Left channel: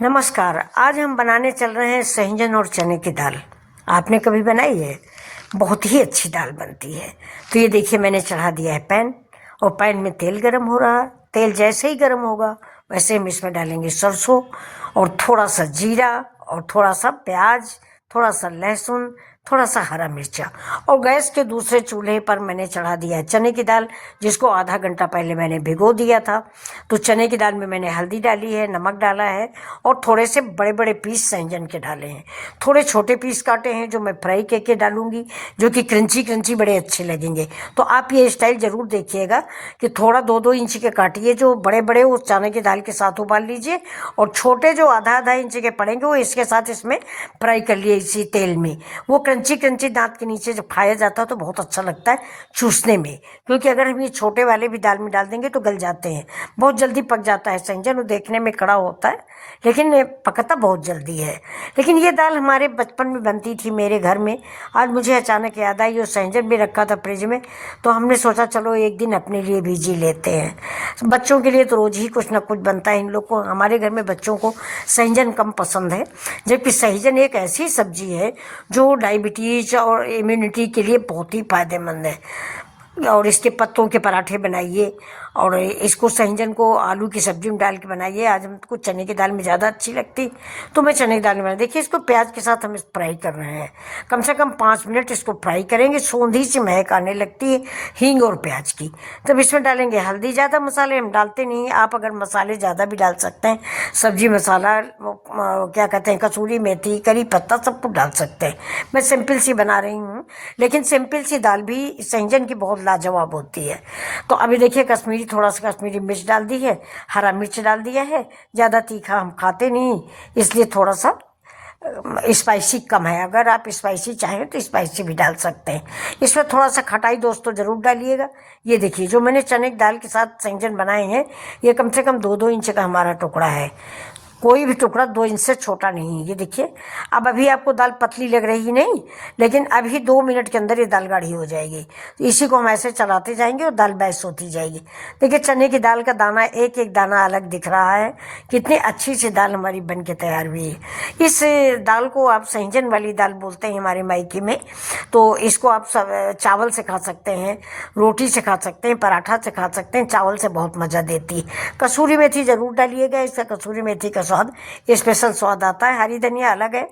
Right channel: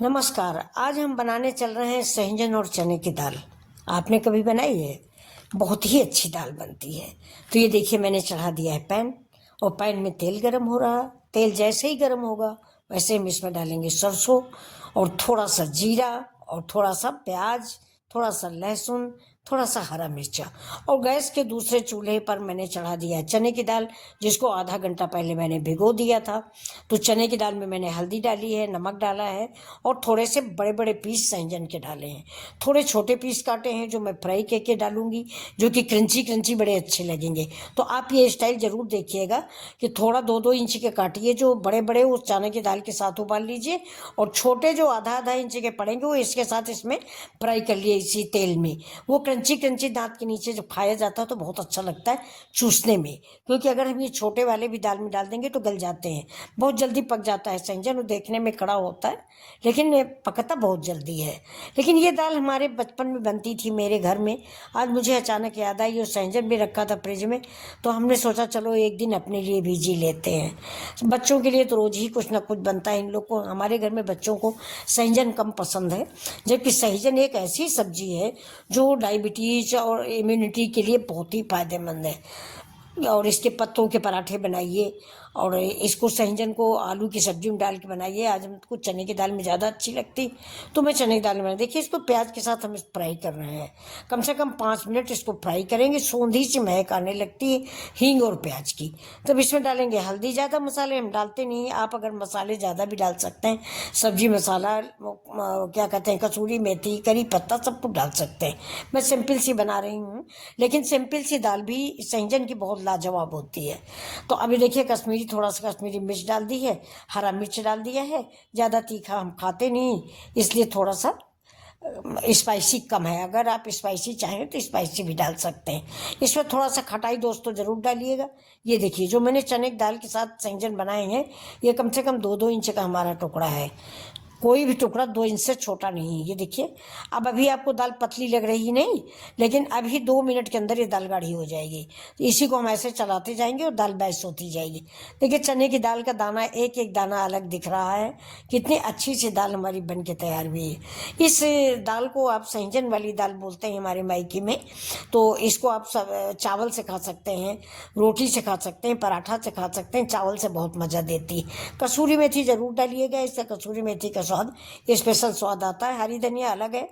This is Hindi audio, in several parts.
नमस्कार। आज हम बनाने चल रहे हैं सहजन और चने की दाल। आपने कभी बनाई है? बहुत ही अच्छी दाल बनती है। तो ये देखिए, मैंने चढ़ा दिया है पैन और पैन में तेल गरम हो रहा है। तेल जैसे ही गरम होगा वैसे हम इसमें डालेंगे सरसों और थोड़ा सा जीरा और थोड़ा सा प्याज, थोड़ा सा लहसुन, थोड़ा सा हरा मिर्चा। और गैस के दूसरे चूल्हे पर मैंने चढ़ा दिया है चने की दाल, जिसको आधा घंटा पहले मैंने भिगो दिया था। तो चने की दाल में मैंने हल्दी डाली है, नमक डाला है और थोड़े से बड़े बड़े पीस सहजन के डाले हैं। थोड़े छोटे पीस काटे हैं जो मैं फ्राई करके डालूंगी, जो कि क्रंची क्रंची बड़े अच्छे लगेंगे। तो आप ये स्टाइल जरूर देखिएगा कि थोड़ा 2-2 इंच के काटिए, जो बड़े बड़े उस चने की दाल के साथ उबाल लीजिए, और छोटे जो आधा इंच के पड़ेंगे वो इसके साथ इसमें फ्राई कर लिए इसी तेल में। वो क्रंची क्रंची दांत के नीचे जब खाया जाता है तो बहुत अच्छा लगता है चूसने में, क्योंकि अगर हम ये छोटे वाले भी दाल में डाल देंगे तो गल जाते हैं, बहुत जल्दी पक जाता है सहजन। वो देखने में कड़ा होता है लेकिन पकता बहुत जल्दी है। लेकिन ये दाल हमारे बचपन में बनती थी मेरे घर में। आज मुझे अचानक याद आई, वो सहजन भी रखा था फ्रिज में, तो हमने सोचा चलो एक दिन अपने लिए भी जी लेते हैं। बच्चों के लिए तो रोज ही कुछ ना कुछ बनता है इन लोग को। हमारे घर में बच्चों को सहजन कम पसंद है, जबकि सहजन एक ऐसी सब्जी है जो डायबिटीज और इम्यूनिटी के लिए बहुत ही फायदेमंद है। और इसके पत्तों के पराठे बनाइए और इसको सहजन को आलू की सब्जी में डाल के बनाइए। आज हमको चने की दाल में ज़्यादा अच्छी लगती, तो मैं चने की दाल में बना। देखिए, इसको प्याज के साथ हम फ्राई कर रहे हैं। कम से कम 5 मिनट इसको फ्राई करेंगे। सूंधी सी महक आने लगती है हींग और प्याज की। तब इसमें डालेंगे हल्दी। ज़्यादा मसाले हम डालते नहीं, आप अगर मसाले ज़्यादा भी डाल सकते हैं। सब्जी मसाला, क्या कहते हैं, कसूरी मेथी, करी पत्ता, सब कुछ डाल सकते हैं। मैं सिंपल सी बना रही हूँ, लेकिन सिंपल सी दाल भी सहजन की बहुत लाजवाब होती है। तो अभी देखिए, थोड़ा सा कश्मीरी मिर्च डाल दी है, हरा मिर्च डाल दिया है। ज़्यादा तीखा हम खाते नहीं, इसलिए थोड़ा सा स्पाइसी कम है। अगर आप स्पाइसी चाहें तो स्पाइसी भी डाल सकते हैं। इसमें थोड़ा सा खटाई दोस्तों ज़रूर डालिएगा। ये देखिए, जो मैंने चने की दाल के साथ सहजन बनाए हैं, ये कम से कम 2-2 इंच का हमारा टुकड़ा है। कोई भी टुकड़ा 2 इंच से छोटा नहीं है। ये देखिए, अब अभी आपको दाल पतली लग रही नहीं, लेकिन अभी 2 मिनट के अंदर ये दाल गाढ़ी हो जाएगी। तो इसी को हम ऐसे चलाते जाएंगे और दाल बैस होती जाएगी। देखिए, चने की दाल का दाना, एक एक दाना अलग दिख रहा है। कितनी अच्छी सी दाल हमारी बन के तैयार हुई है। इस दाल को आप सहजन वाली दाल बोलते हैं हमारे मायके में। तो इसको आप चावल से खा सकते हैं, रोटी से खा सकते हैं, पराठा से खा सकते हैं। चावल से बहुत मज़ा देती है। कसूरी मेथी ज़रूर डालिएगा, इसका कसूरी मेथी का स्वाद स्पेशल स्वाद आता है। हरी धनिया अलग है,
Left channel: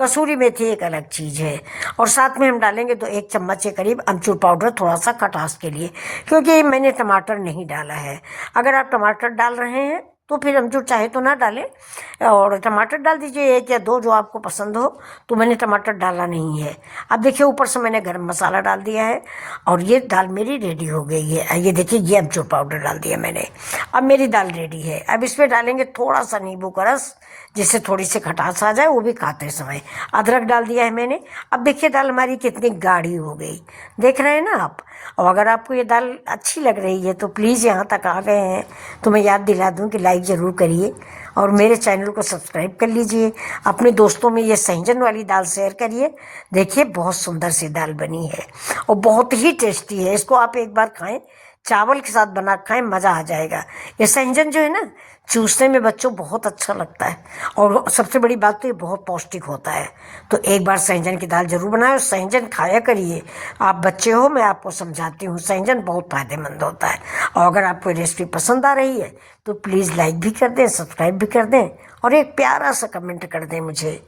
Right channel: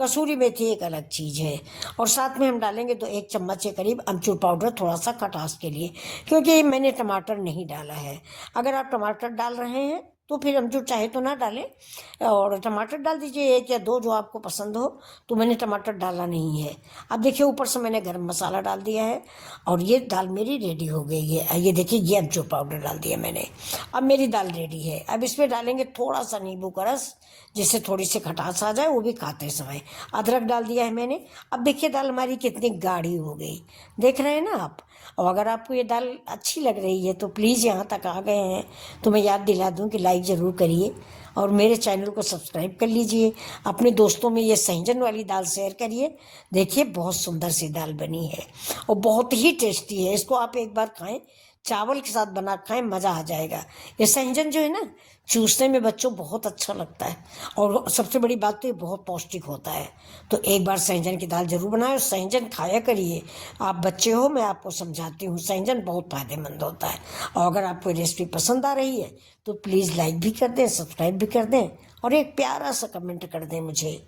कसूरी मेथी एक अलग चीज है। और साथ में हम डालेंगे तो 1 चम्मच के करीब अमचूर पाउडर, थोड़ा सा खटास के लिए, क्योंकि मैंने टमाटर नहीं डाला है। अगर आप टमाटर डाल रहे हैं तो फिर अमचूर चाहे तो ना डालें, और टमाटर डाल दीजिए 1 या 2 जो आपको पसंद हो। तो मैंने टमाटर डाला नहीं है। अब देखिए, ऊपर से मैंने गरम मसाला डाल दिया है और ये दाल मेरी रेडी हो गई है। ये देखिए, ये अमचूर पाउडर डाल दिया मैंने। अब मेरी दाल रेडी है। अब इसमें डालेंगे थोड़ा सा नींबू का रस, जिससे थोड़ी सी खटास आ जाए, वो भी खाते समय। अदरक डाल दिया है मैंने। अब देखिए, दाल हमारी कितनी गाढ़ी हो गई, देख रहे हैं ना आप। और अगर आपको ये दाल अच्छी लग रही है तो प्लीज़, यहाँ तक आ गए हैं तो मैं याद दिला दूँ कि लाइक ज़रूर करिए और मेरे चैनल को सब्सक्राइब कर लीजिए। अपने दोस्तों में ये सहजन वाली दाल शेयर करिए। देखिए, बहुत सुंदर सी दाल बनी है और बहुत ही टेस्टी है। इसको आप एक बार खाएं, चावल के साथ बना खाएं, मज़ा आ जाएगा। ये सहजन जो है ना, चूसने में बच्चों बहुत अच्छा लगता है, और सबसे बड़ी बात तो ये बहुत पौष्टिक होता है। तो एक बार सहजन की दाल जरूर बनाएं और सहजन खाया करिए। आप बच्चे हो, मैं आपको समझाती हूँ, सहजन बहुत फायदेमंद होता है। और अगर आपको रेसिपी पसंद आ रही है तो प्लीज़ लाइक भी कर दें, सब्सक्राइब भी कर दें, और एक प्यारा सा कमेंट कर दें मुझे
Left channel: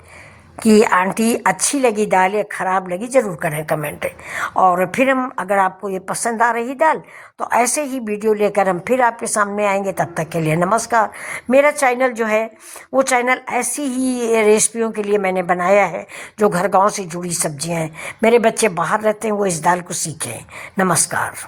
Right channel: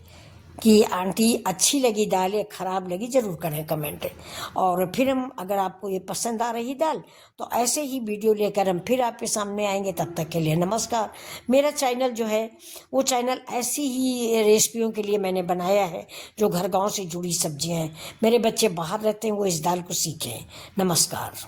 कि आंटी अच्छी लगी दाल या ख़राब लगी, ज़रूर करें कमेंट। और फिर हम, अगर आपको ये पसंद आ रही दाल, तो ऐसे ही वीडियो लेकर हम फिर आपके सामने आएंगे। तब तक के लिए नमस्कार। मेरा चैनल जो है वो चैनल ऐसी ही रेसिपियों के लिए मैंने बनाया है, जो घर गांव से जुड़ी सब्जियां हैं। मेरे बच्चे बाहर रहते हैं, वो इस दाल को सीखें। नमस्कार।